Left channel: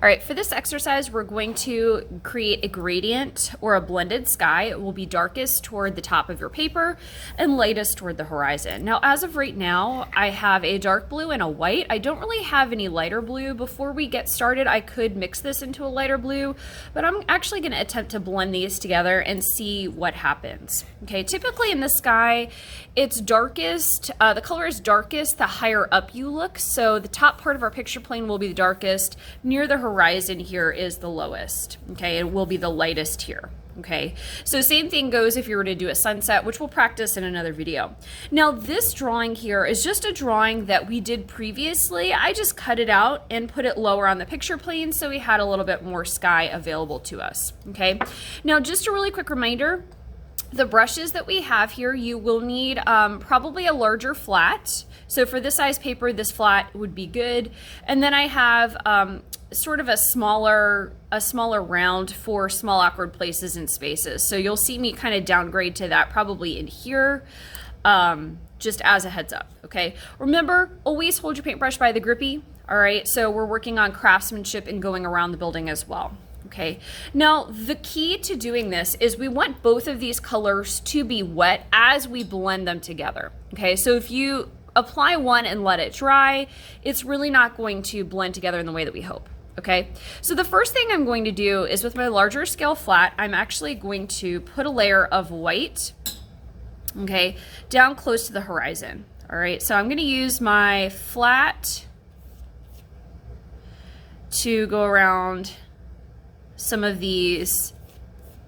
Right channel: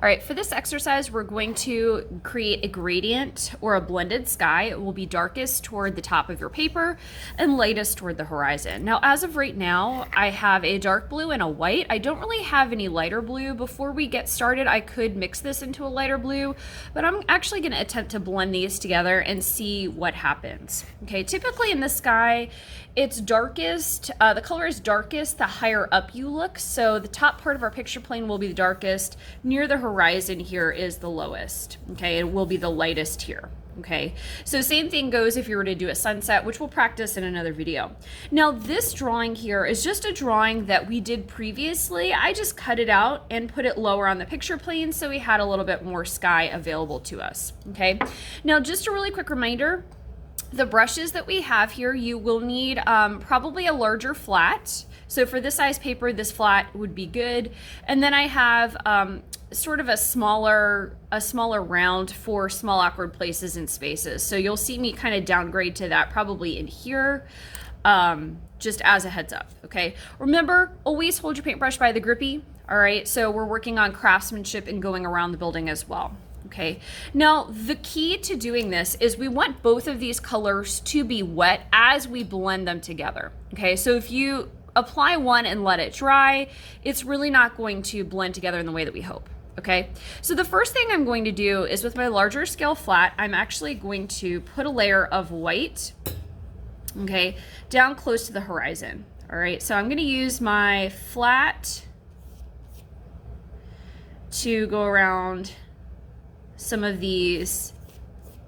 All right, for this exercise, we're going to create a gradient or a blended sky. It will be darkest toward the top of your paper and lightest toward the horizon. Now, as of right now, I have a dark blue and a white. I don't really have any lighter blue. Before we get started, I could mix this into a lighter blue, but I'm actually gonna attempt to blend these together and see what happens. Okay, typically in the sky, it's darkest, the color is darkest the higher up you look. So the top part of our picture plane will be the darkest. Near the horizon here is the lowest. Okay, it will be the lightest here. Okay, so same thing goes if you were to do a sunset, which we'll practice in another video. Now this drawing here is just a drawing that we did previously. I just cut it out and put it lower on the picture plane so we had a little bit more sky available to us. Okay, now just a really quick reminder, the brushes that we have here, you will need probably a larger flat. So for this size paper, this flat would be good. And then I have sort of a smaller round for small awkward places and spaces. So you'll see me kind of downgrade to that probably in here, just as a heads up, okay? Remember, always hold your paintbrush by the grippy, all right? So we're working on craftsmanship and going around the building as well. Okay, now the key to doing this is we want both of these colors to be wet as we blend them together. Okay, so if you apply one and let it dry, it's really not going to blend together in the way that we hope. Okay, so the first thing I'm going to do is with my larger scale flat, I'm actually going to put a layer of white, okay, down close to the horizon. All right, so I'm going to use my flat to go around some of these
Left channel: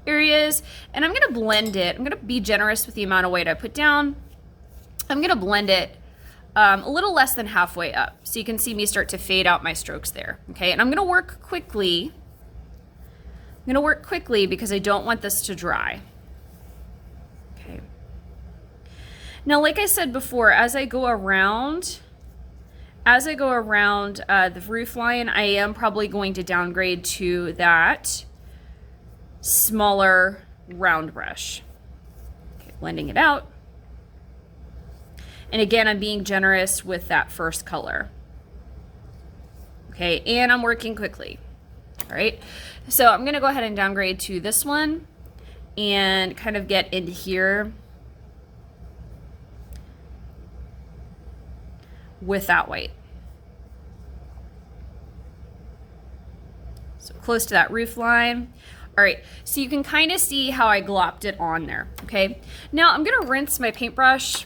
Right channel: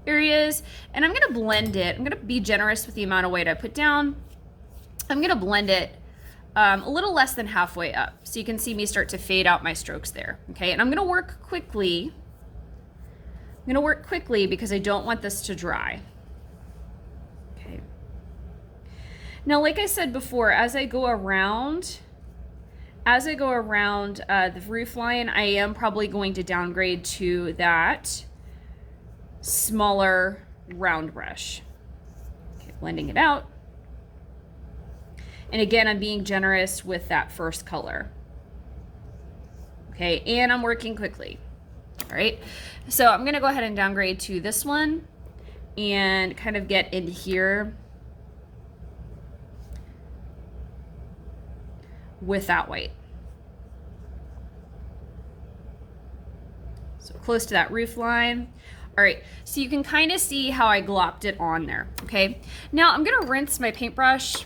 areas, and I'm gonna blend it. I'm gonna be generous with the amount of white I put down. I'm gonna blend it a little less than halfway up, so you can see me start to fade out my strokes there, okay? And I'm gonna work quickly. I'm gonna work quickly because I don't want this to dry. Okay. Now, like I said before, as I go around the roof line, I am probably going to downgrade to that smaller round brush. Okay, blending it out. And again, I'm being generous with that first color. Okay, and I'm working quickly. All right, so I'm gonna go ahead and downgrade to this one and kind of get in here with that white. So close to that roof line. All right, so you can kind of see how I glopped it on there, okay? Now I'm gonna rinse my paintbrush.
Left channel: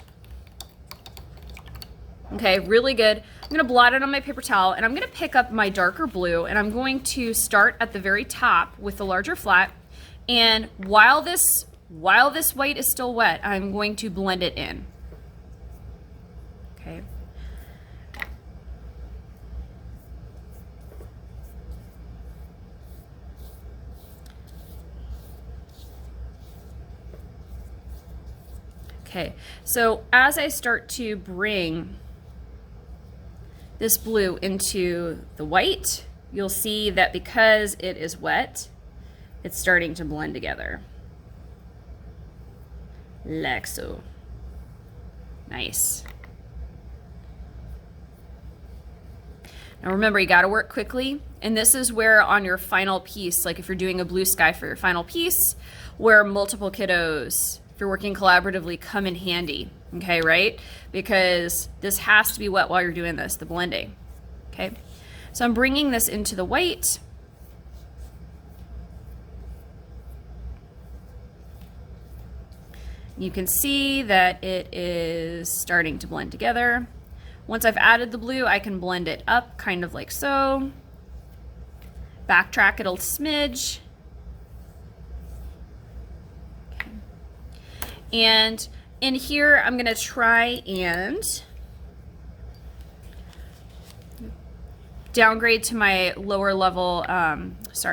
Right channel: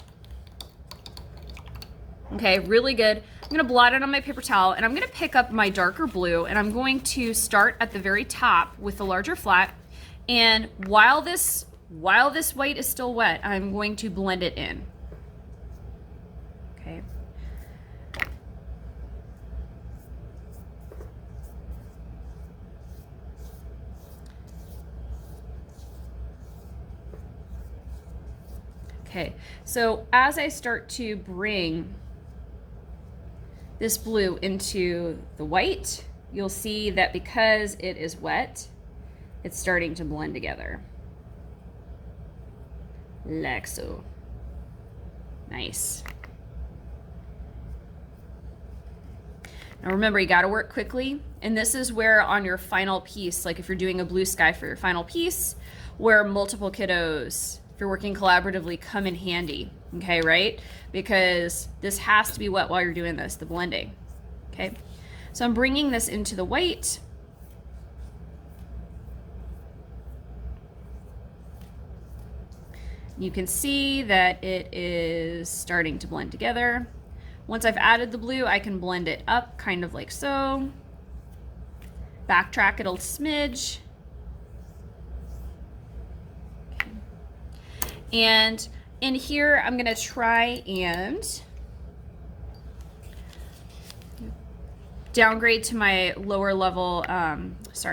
Okay, really good. I'm gonna blot it on my paper towel, and I'm gonna pick up my darker blue, and I'm going to start at the very top with the larger flat. And while this white is still wet, I'm going to blend it in. Okay. Okay, so as I start to bring this blue into the white, you'll see that because it is wet, it's starting to blend together. Like so. Nice. Now remember, you gotta work quickly, and this is where on your final piece, like if you're doing a blue sky for your final piece, where multiple kiddos, if you're working collaboratively, come in handy, okay, right? Because this has to be wet while you're doing this, the blending, okay? So I'm bringing this into the white. You can see that it is starting to blend together. Once I've added the blue, I can blend it up, kind of like so. Backtrack it a smidge. And in here, I'm gonna try and downgrade to my lower level, what's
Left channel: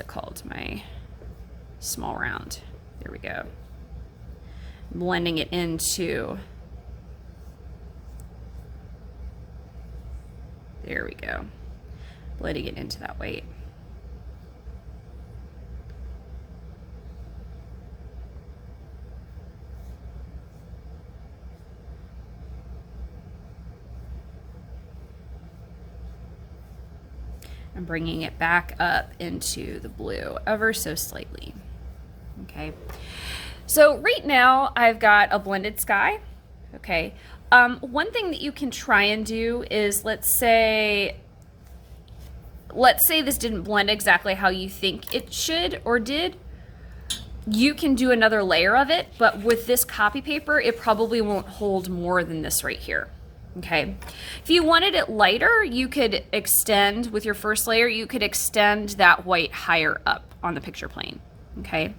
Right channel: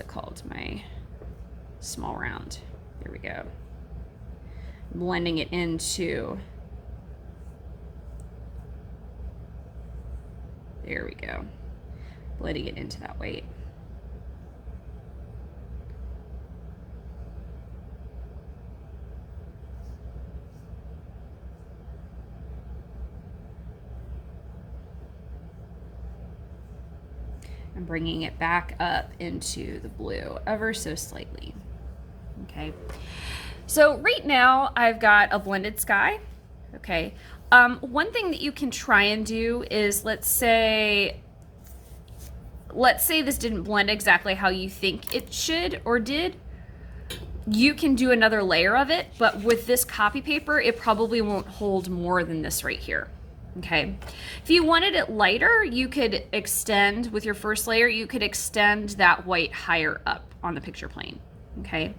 it called? My small round. There we go. Blending it into, there we go. Blending it into that white. I'm bringing it back up into the blue ever so slightly. Okay. So right now I've got a blended sky. Okay. One thing that you can try and do is, let's say this didn't blend exactly how you think it should or did. You can do another layer of it, but with this copy paper, it probably won't hold more than this right here. Okay. If you wanted it lighter, you could extend with your first layer, you could extend that white higher up on the picture plane. Okay.